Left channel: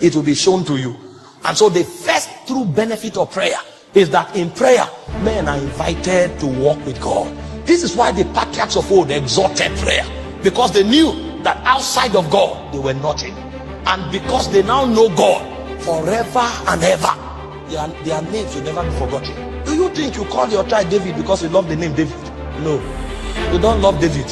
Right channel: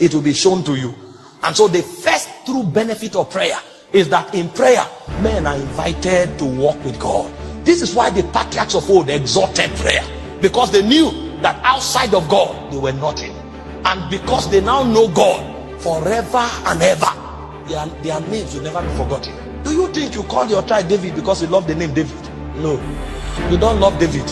it will be shown to you. And so the first true benefit of prayer is that in prayer, men are invited to walk with God. This is why the patriarchs of old exalted prayer, because they knew that outside of God, they were nothing. And because they now know God forever and ever, their names will never be forgotten. Do you think you call your child David because you love the name David? No, you don't love David.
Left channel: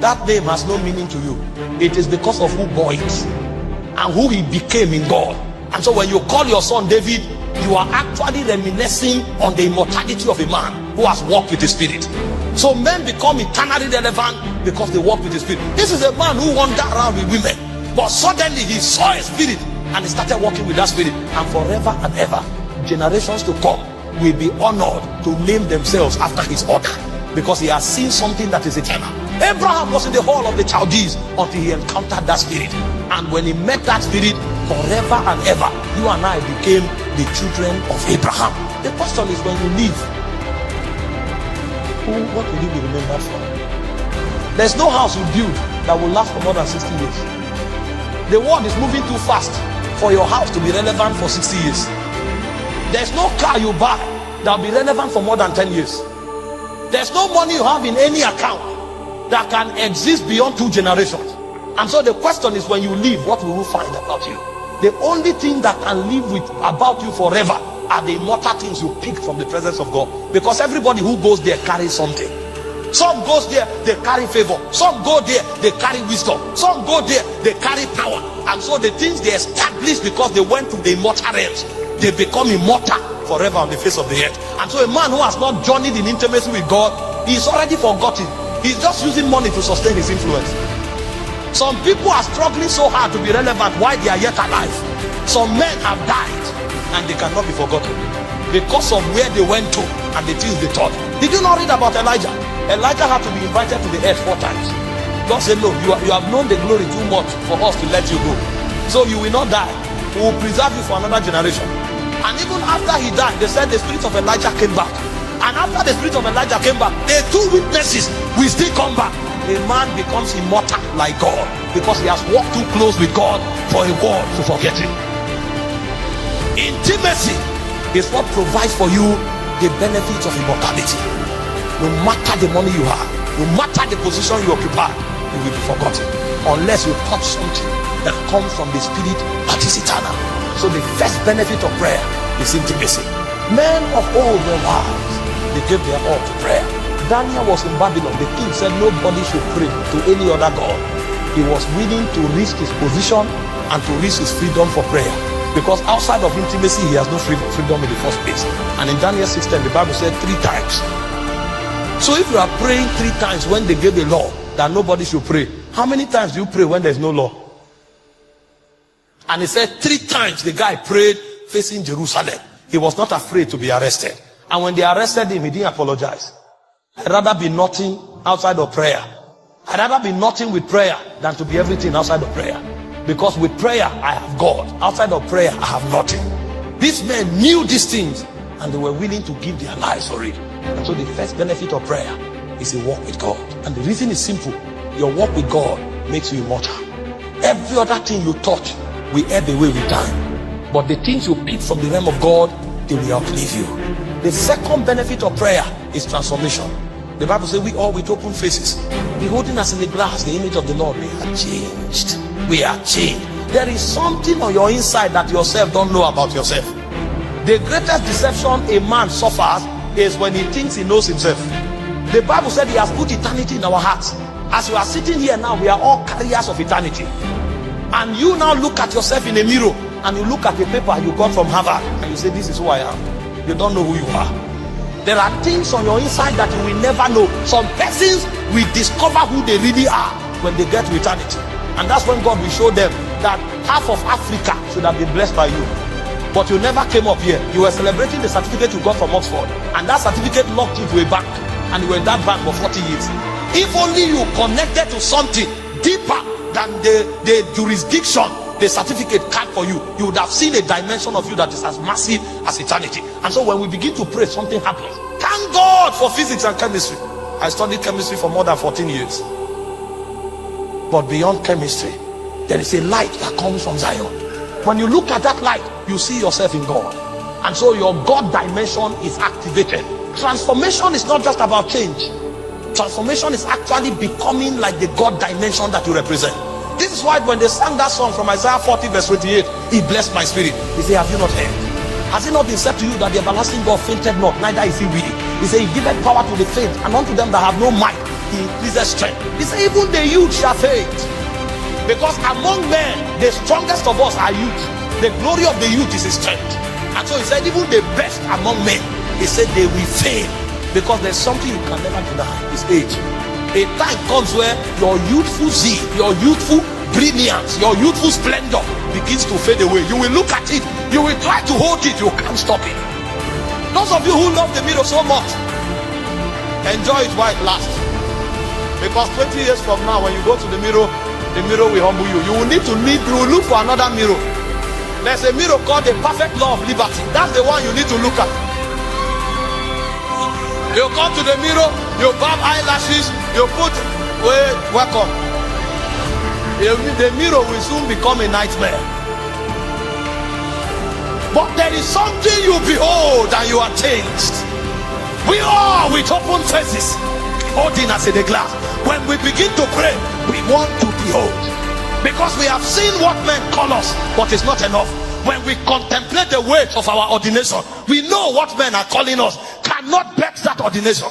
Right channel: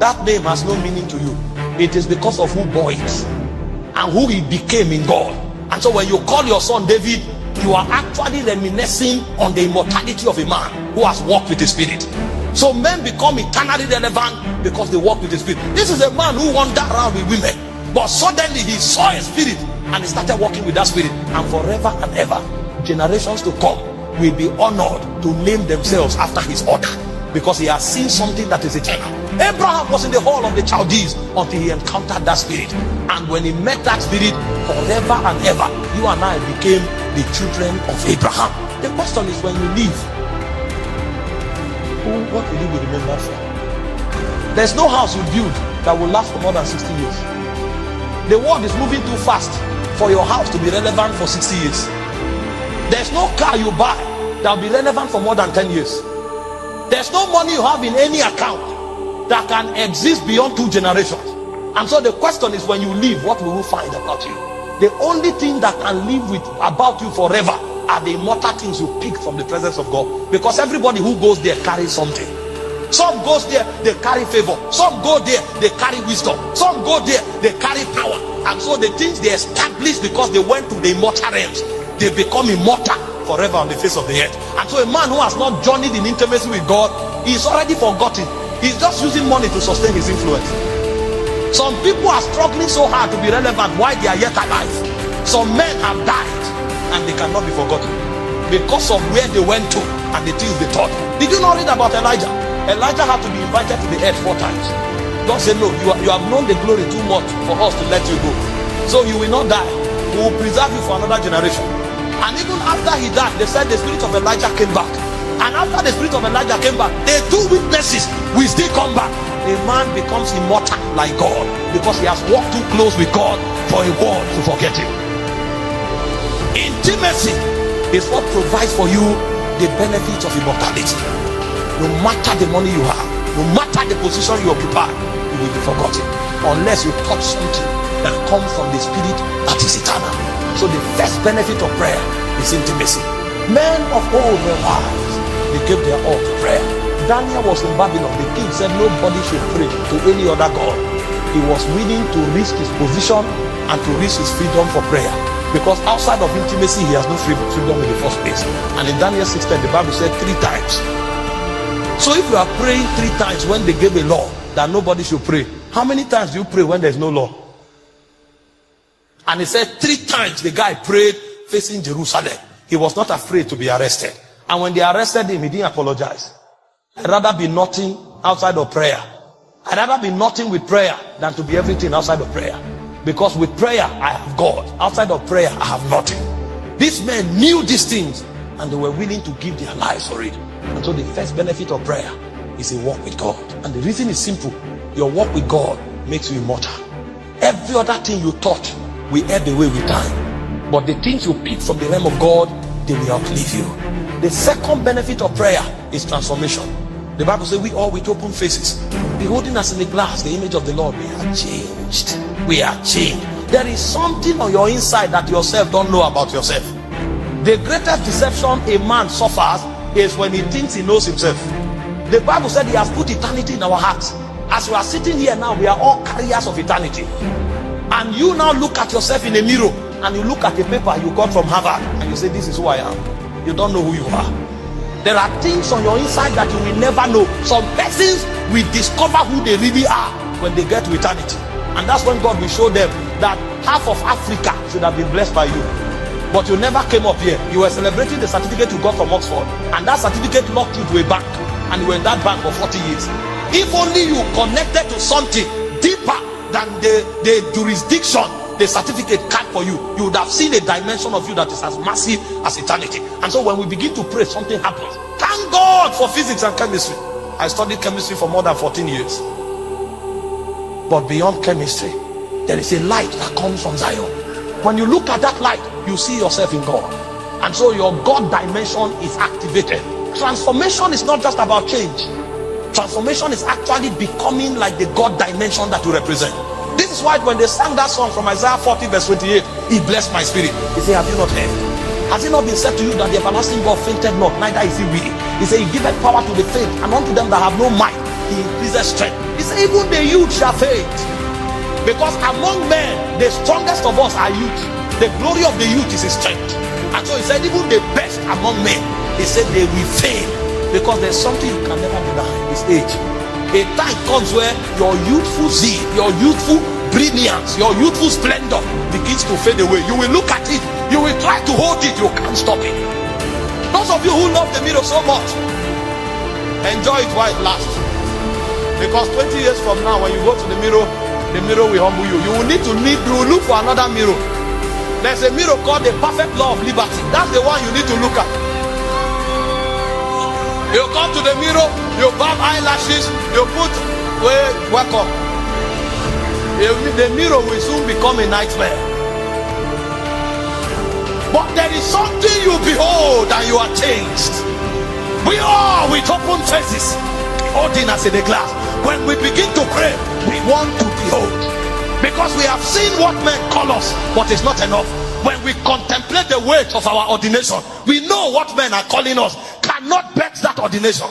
That name has no meaning to you. It is because of who God is and who he became in God. And so when you call your son David, you are actually reminiscing on the immortality of a man who has walked with the Spirit. So men become eternally relevant because they walk with the Spirit. This is a man who wandered around with women, but suddenly he saw a spirit and he started walking with that spirit. And forever and ever, generations to come will be honored to name themselves after his order, because he has seen something that is eternal. Abraham was in the hall of the Chaldees until he encountered that spirit. And when he met that spirit, forever and ever, you and I became the children of Abraham. The question is, when you leave, what will you be remembered for? There's no house you build that will last for more than 60 years. The world is moving too fast for your house to be relevant for 60 years. There's no car you buy that will be relevant for more than 10 years. There's no money you have in any account that can exist beyond 2 generations. And so the question is, when you leave, what will you find about you? The only thing that can live with about you forever are the immortal things you pick from the presence of God. Because everybody who goes there carries something. Some goes there, they carry favor. Some go there, they carry wisdom. Some go there, they carry power. And so the things they established because they went to the immortal realms, they become immortal forever on the face of the earth. And so a man who has not journeyed in intimacy with God is already forgotten. He's just using money to sustain his influence. Some people are struggling so hard to be relevant while they are yet alive. Some men have died and they cannot be forgotten because of where they went to and the things they taught. Did you not read about Elijah? Elijah had to be invited to the earth 4 times. God said, no, you have known the glory too much for us to let you go. So you will not die. We will preserve you for another generation. And even after he died, they said the spirit of Elijah came back. And after the spirit of Elijah came back, the 2 witnesses will still come back. A man becomes immortal like God because he has walked too close with God for a world to forget him. Intimacy is what provides for you the benefits of immortality. No matter the money you have, no matter the position you occupy, you will be forgotten unless you touch something that comes from the Spirit that is eternal. So the first benefit of prayer is intimacy. Men of old were wise. They gave their all to prayer. Daniel was in Babylon. The king said nobody should pray to any other god. He was willing to risk his position and to risk his freedom for prayer, because outside of intimacy he has no freedom in the first place. And in Daniel 6:10 the Bible said 3 times. So if you are praying 3 times when they gave a law that nobody should pray, how many times do you pray when there's no law? And he said 3 times the guy prayed facing Jerusalem. He was not afraid to be arrested. And when they arrested him, he didn't apologize. I'd rather be nothing outside of prayer. I'd rather be nothing with prayer than to be everything outside of prayer. Because with prayer, I have God. Outside of prayer, I have nothing. These men knew these things and they were willing to give their lives for it. And so the first benefit of prayer is a walk with God. And the reason is simple. Your walk with God makes you immortal. Every other thing you touch will ebb away with time. But the things you pick from the realm of God, they will outlive you. The second benefit of prayer is transformation. The Bible says we all with open faces, beholding as in a glass the image of the Lord, we are changed. We are changed. There is something on your inside that yourself don't know about yourself. The greatest deception a man suffers is when he thinks he knows himself. The Bible said he has put eternity in our hearts. As you are sitting here now, we are all carriers of eternity. And you now look at yourself in a mirror and you look at the paper you got from Harvard and you say, this is who I am. You don't know who you are. There are things on your inside that you will never know. Some persons will discover who they really are when they get to eternity. And that's when God will show them that half of Africa should have been blessed by you. But you never came up here. You were celebrating the certificate you got from Oxford. And that certificate locked you to a bank. And you were in that bank for 40 years. If only you connected to something deeper than the jurisdiction the certificate card for you, you would have seen a dimension of you that is as massive as eternity. And so when we begin to pray, something happens. Thank God for physics and chemistry. I studied chemistry for more than 14 years. But beyond chemistry, there is a light that comes from Zion. When you look at that light, you see yourself in God. And so your God dimension is activated. Transformation is not just about change. Transformation is actually becoming like the God dimension that you represent. This is why when they sang that song from Isaiah 40 verse 28, he blessed my spirit. He said, have you not heard? Has it not been said to you that the everlasting God fainted not, neither is he weary? He said, he giveth power to the faint, and unto them that have no might, he increases strength. He said, even the youth shall faint. Because among men, the strongest of us are youth. The glory of the youth is his strength. And so he said, even the best among men, he said they will fail. Because there's something you can never deny, it's age. A time comes where your youthful zeal, your youthful brilliance, your youthful splendor begins to fade away. You will look at it, you will try to hold it, you can't stop it. Those of you who love the mirror so much, enjoy it while it lasts. Because 20 years from now, when you go to the mirror will humble you. You will need to look for another mirror. There's a mirror called the perfect law of liberty. That's the one you need to look at. You come to the mirror, you barb eyelashes, you put, welcome. The mirror will soon become a nightmare. But there is something you behold and you are changed. We all with open faces, holding us in the glass. When we begin to pray, we want to behold. Because we have seen what men call us, but it's not enough. When we contemplate the weight of our ordination, we know what men are calling us cannot bet that ordination.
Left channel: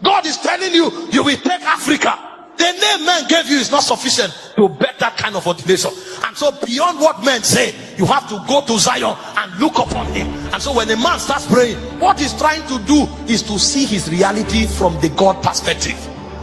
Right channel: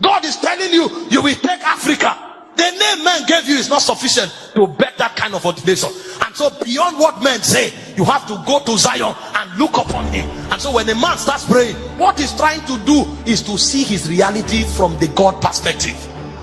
God is telling you, you will take Africa. The name men gave you is not sufficient to bet that kind of ordination. And so beyond what men say, you have to go to Zion and look upon him. And so when a man starts praying, what he's trying to do is to see his reality from the God perspective.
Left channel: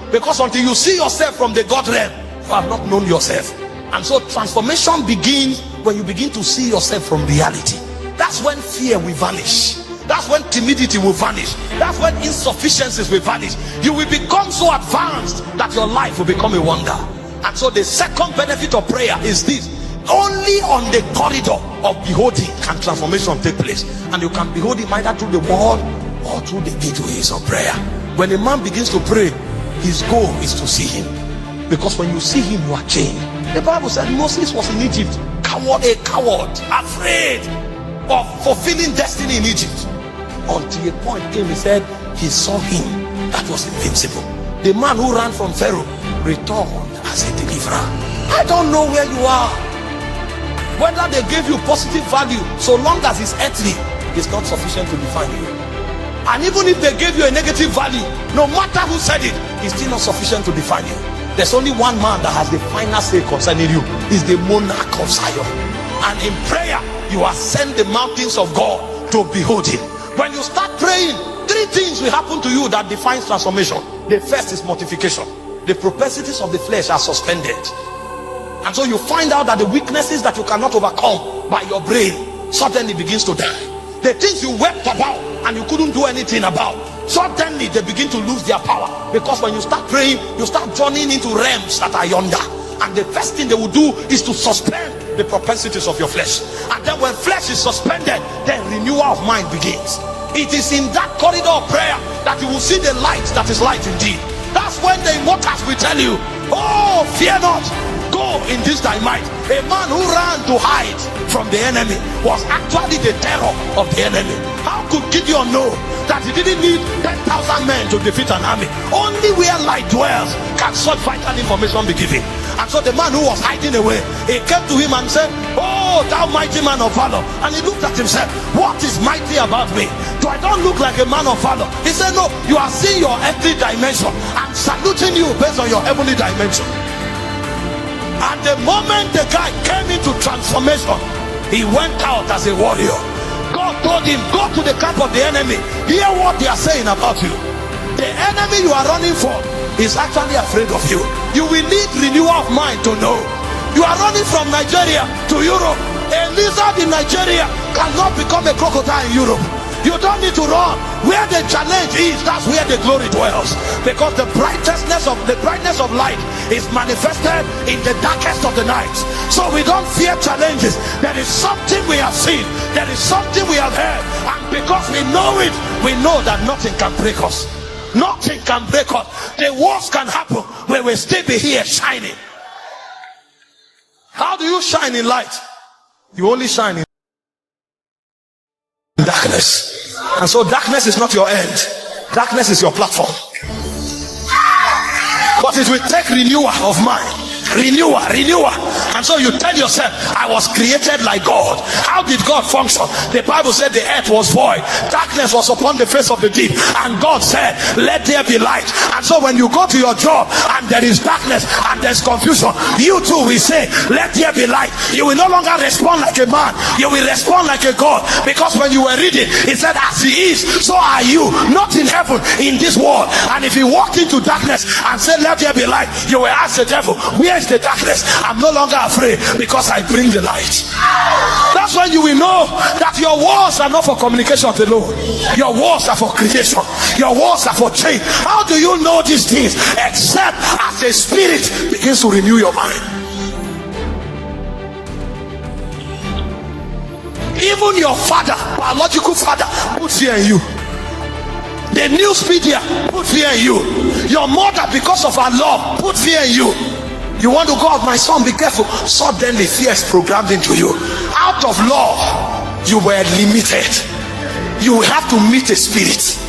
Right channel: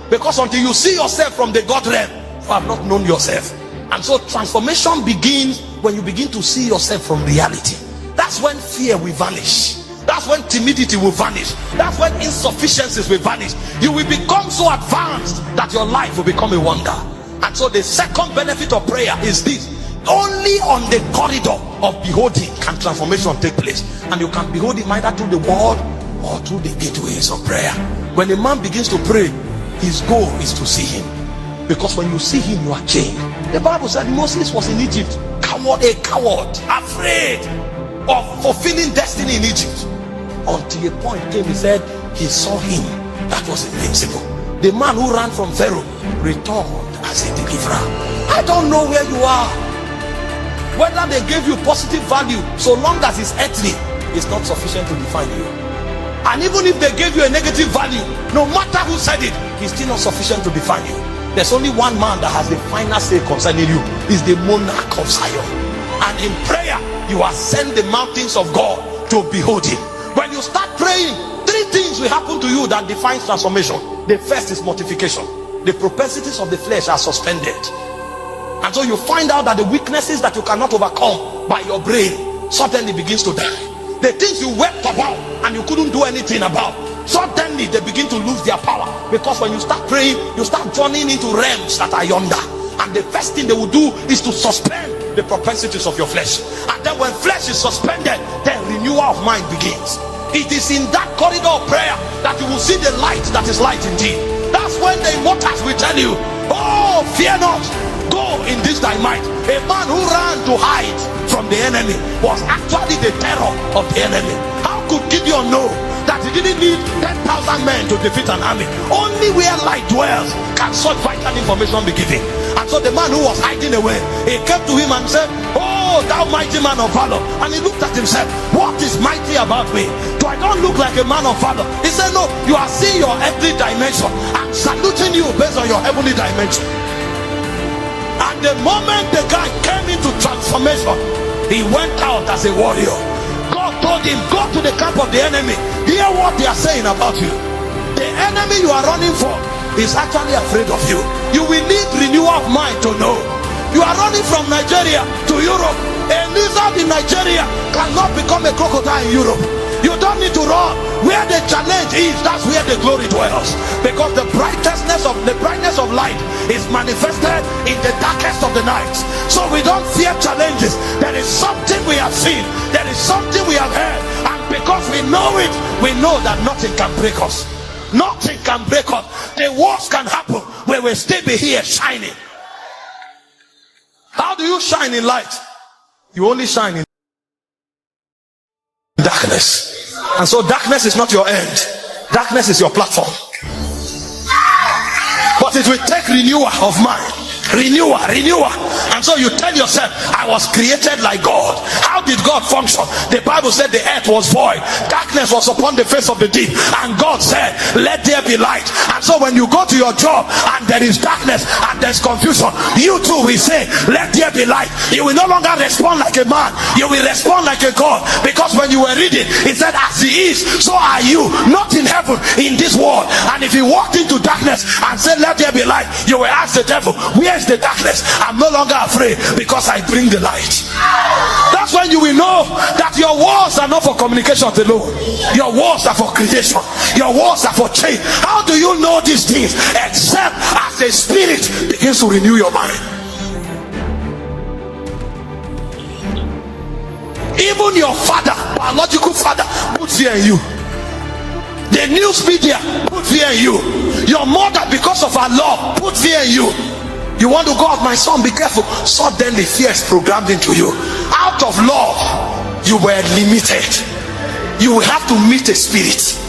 Because until you see yourself from the God realm, you have not known yourself. And so transformation begins when you begin to see yourself from reality. That's when fear will vanish. That's when timidity will vanish. That's when insufficiencies will vanish. You will become so advanced that your life will become a wonder. And so the second benefit of prayer is this: only on the corridor of beholding can transformation take place. And you can behold him either through the word or through the gateways of prayer. When a man begins to pray, his goal is to see him. Because when you see him, you are changed. The Bible said Moses was in Egypt, a coward, afraid of fulfilling destiny in Egypt. Until a point came, he said he saw him that was invincible. The man who ran from Pharaoh returned as a deliverer. I don't know where you are, whether they gave you positive value, so long as it's earthly, it's not sufficient to define you. And even if they gave you a negative value, no matter who said it, it's still not sufficient to define you. There's only one man that has the final say concerning you. He's the monarch of Zion. And in prayer, you ascend the mountains of God to behold him. When you start praying, three things will happen to you that defines transformation. The first is mortification. The propensities of the flesh are suspended. And so you find out that the weaknesses that you cannot overcome by your brain suddenly begins to die. The things you wept about and you couldn't do anything about, suddenly they begin to lose their power. Because when you start praying, you start journeying into realms that are yonder. And the first thing they will do is to suspend the propensities of your flesh. And then when flesh is suspended, then renewal of mind begins. It is in that corridor of prayer that you will see the light that is light indeed. That's when the immortals will tell you, oh, fear not, go in this thy might. A man who ran to hide from the enemy was actually the terror of the enemy. How could Gideon know that he didn't need 10,000 men to defeat an army? Only where light dwells can such vital information be given. And so the man who was hiding away, he came to him and said, oh, thou mighty man of valor. And he looked at himself, what is mighty about me? Do I not look like a man of valor? He said, no, you are seeing your earthly dimension and saluting you based on your heavenly dimension. And the moment the guy came into transformation, he went out as a warrior. God told him, go to the camp of the enemy, hear what they are saying about you. The enemy you are running for is actually afraid of you. You will need renewal of mind to know. You are running from Nigeria to Europe. A lizard in Nigeria cannot become a crocodile in Europe. You don't need to run. Where the challenge is, that's where the glory dwells. Because the brightness of light is manifested in the darkest of the nights. So we don't fear challenges. There is something we have seen. There is something we have heard. And because we know it, we know that nothing can break us. Nothing can break us. The worst can happen. We will still be here shining. How do you shine in light? You only shine in darkness. And so darkness is not your end. Darkness is your platform. But it will take renewal of mind. Renewal. And so you tell yourself, I was created like God. How did God function? The Bible said the earth was void, darkness was upon the face of the deep, and God said, let there be light. And so when you go to your job and there is darkness and there's confusion, you too will say, let there be light. You will no longer respond like a man, you will respond like a God. Because when you were reading, it said, as he is, so are you, not in heaven, in this world. And if you walked into darkness and said, let there be light, you will ask the devil, where is the darkness? I'm no longer afraid because I bring the light. That's when you will know that your walls are not for communication alone. Your walls are for creation. Your walls are for change. How do you know these things? Except as the Spirit begins to renew your mind. Even your father, biological father, put fear in you. The news media put fear in you. Your mother, because of her love, put fear in you. You want to go out, my son, be careful. Suddenly fear is programmed into you. Out of love, you were limited. You will have to meet a spirit.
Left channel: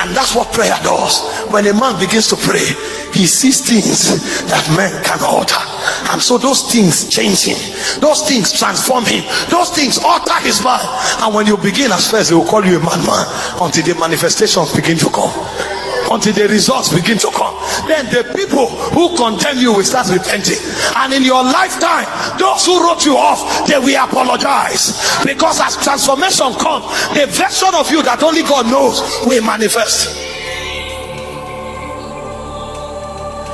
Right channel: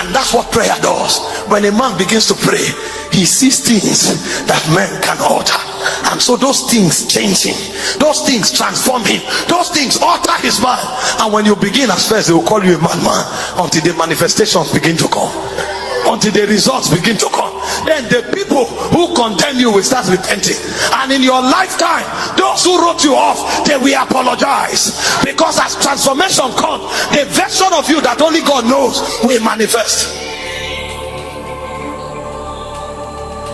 And that's what prayer does. When a man begins to pray, he sees things that man can alter. And so those things change him. Those things transform him. Those things alter his mind. And when you begin as first, they will call you a madman until the manifestations begin to come. Until the results begin to come. Then the people who condemn you will start repenting. And in your lifetime, those who wrote you off, they will apologize. Because as transformation comes, the version of you that only God knows will manifest.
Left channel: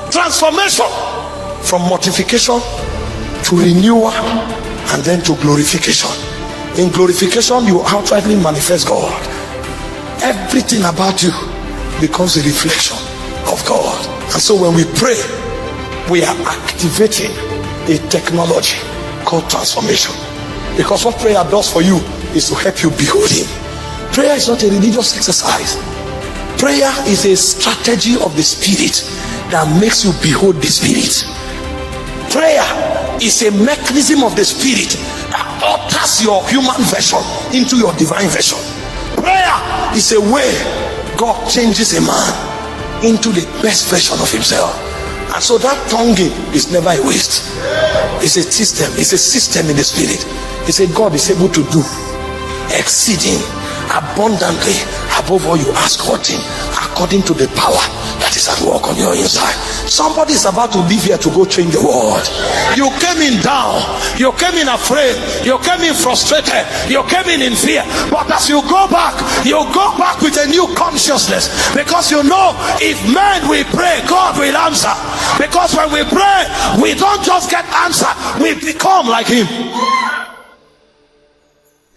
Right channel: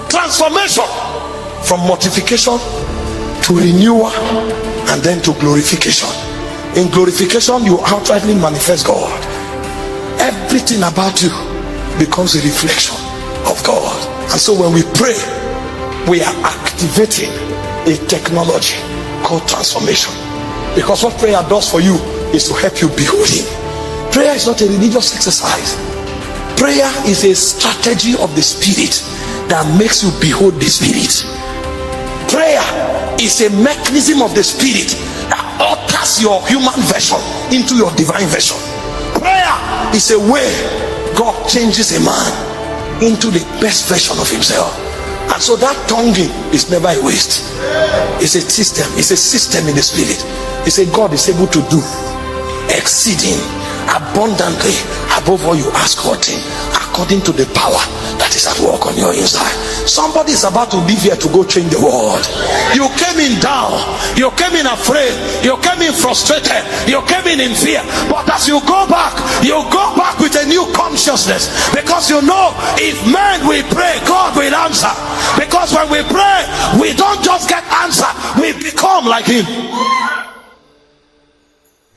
Transformation from mortification to renewal and then to glorification. In glorification, you outrightly manifest God. Everything about you becomes a reflection of God. And so when we pray, we are activating a technology called transformation. Because what prayer does for you is to help you behold him. Prayer is not a religious exercise. Prayer is a strategy of the Spirit that makes you behold the Spirit. Prayer is a mechanism of the Spirit that alters your human version into your divine version. Prayer is a way God changes a man into the best version of himself. And so that tonguing is never a waste. It's a system. It's a system in the Spirit. It's a God is able to do exceeding abundantly above all you ask or think, according to the power that is at work on your inside. Somebody is about to leave here to go change the world. You came in down, you came in afraid, you came in frustrated, you came in fear. But as you go back with a new consciousness, because you know if men will pray, God will answer. Because when we pray, we don't just get answer, we become like him.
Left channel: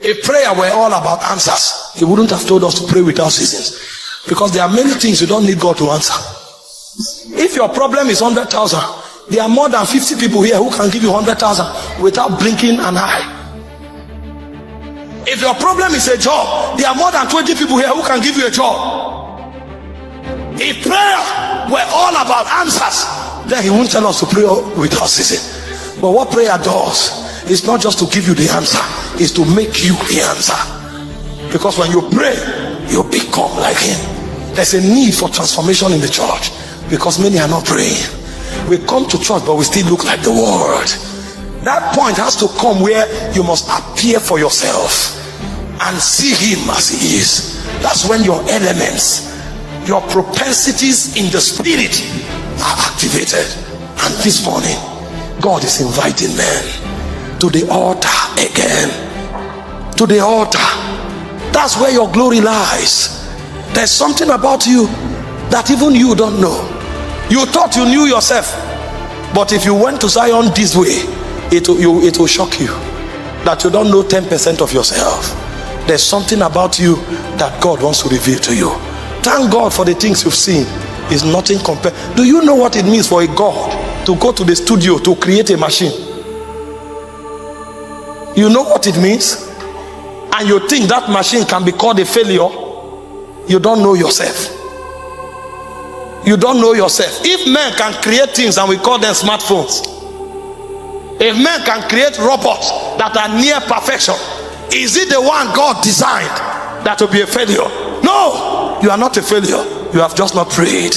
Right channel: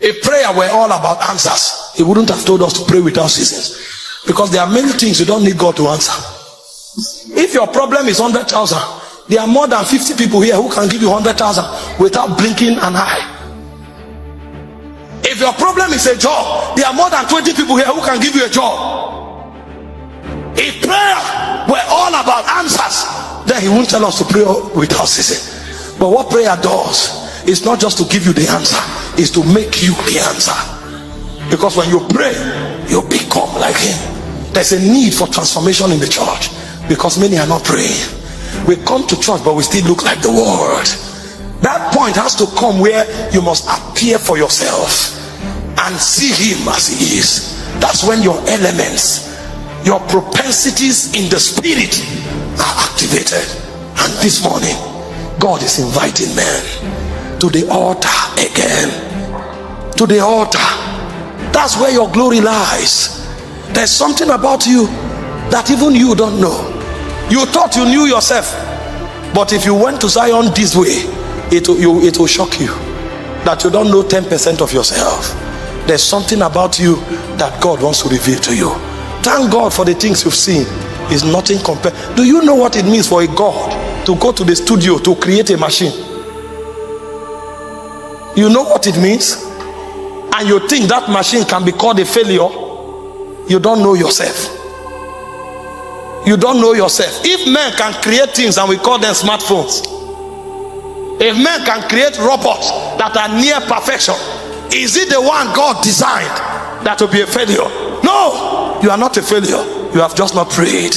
If prayer were all about answers, he wouldn't have told us to pray without seasons. Because there are many things you don't need God to answer. If your problem is 100,000, there are more than 50 people here who can give you 100,000 without blinking an eye. If your problem is a job, there are more than 20 people here who can give you a job. If prayer were all about answers, then he won't tell us to pray without ceasing. But what prayer does is not just to give you the answer, it's to make you the answer. Because when you pray, you become like him. There's a need for transformation in the church because many are not praying. We come to church but we still look like the world. That point has to come where you must appear for yourself and see him as he is. That's when your elements, your propensities in the Spirit are activated. And this morning, God is inviting men to the altar again. To the altar. That's where your glory lies. There's something about you that even you don't know. You thought you knew yourself, but if you went to Zion this way, it will shock you that you don't know 10% of yourself. There's something about you that God wants to reveal to you. Thank God for the things you've seen. Is nothing compared. Do you know what it means for a God to go to the studio to create a machine? You know what it means? And you think that machine can be called a failure? You don't know yourself. You don't know yourself. If men can create things and we call them smartphones, If men can create robots that are near perfection, is it the one God designed that will be a failure? No, you are not a failure. You have just not prayed.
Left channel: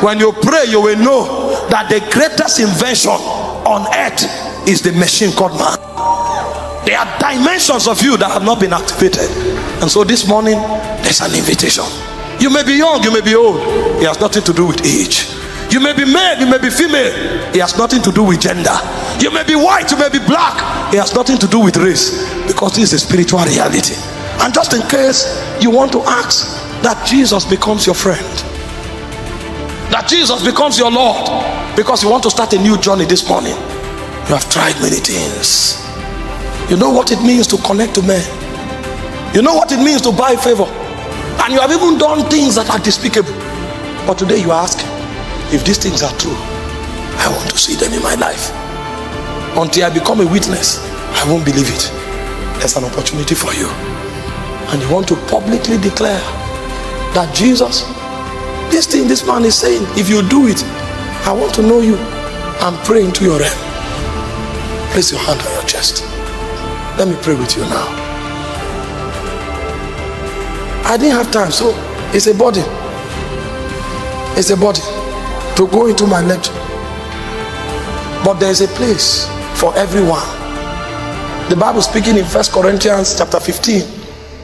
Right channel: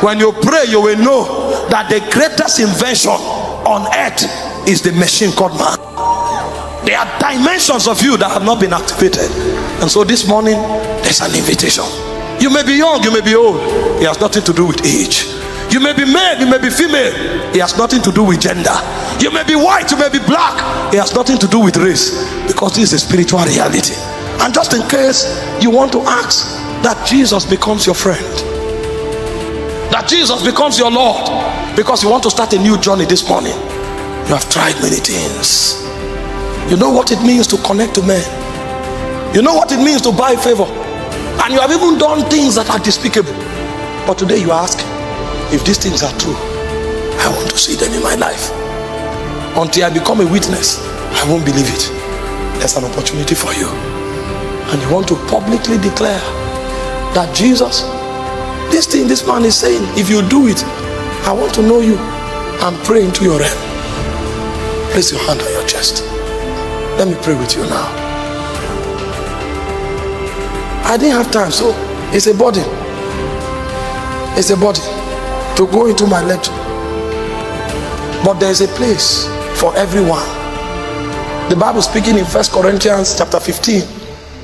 When you pray, you will know that the greatest invention on earth is the machine called man. There are dimensions of you that have not been activated. And so this morning, there's an invitation. You may be young, you may be old. It has nothing to do with age. You may be male, you may be female. It has nothing to do with gender. You may be white, you may be black. It has nothing to do with race. Because this is a spiritual reality. And just in case you want to ask that Jesus becomes your friend, that Jesus becomes your Lord, because you want to start a new journey this morning. You have tried many things. You know what it means to connect to men. You know what it means to buy favor. And you have even done things that are despicable. But today you are asking, if these things are true, I want to see them in my life. Until I become a witness, I won't believe it. There's an opportunity for you. And you want to publicly declare that Jesus, this thing this man is saying, if you do it, I want to know you and pray into your realm. Place your hand on your chest. Let me pray with you now. I didn't have time, so it's a burden. It's a burden to go into my lecture. But there is a place for everyone. The Bible speaking in 1 Corinthians chapter 15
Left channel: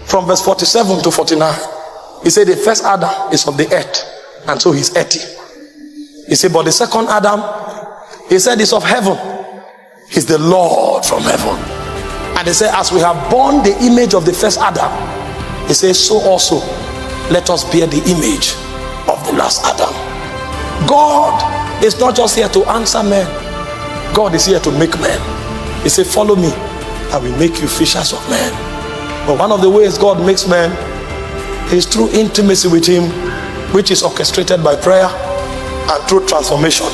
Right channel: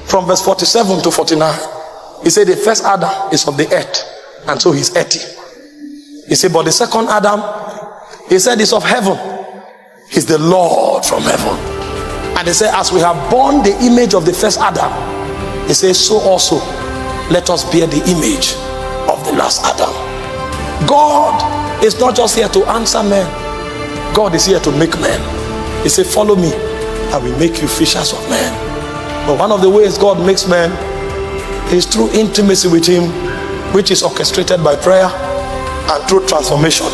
from verse 47 to 49. He said the first Adam is of the earth, and so he's earthy. He said, but the second Adam, he said, is of heaven. He's the Lord from heaven. And he said, as we have borne the image of the first Adam, he says, so also let us bear the image of the last Adam. God is not just here to answer men. God is here to make men. He said, follow me, I will make you fishers of men. But one of the ways God makes men is through intimacy with him, which is orchestrated by prayer, and through transformation,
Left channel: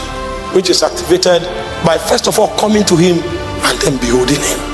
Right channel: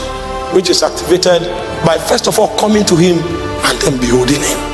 which is activated by first of all coming to him and then beholding him.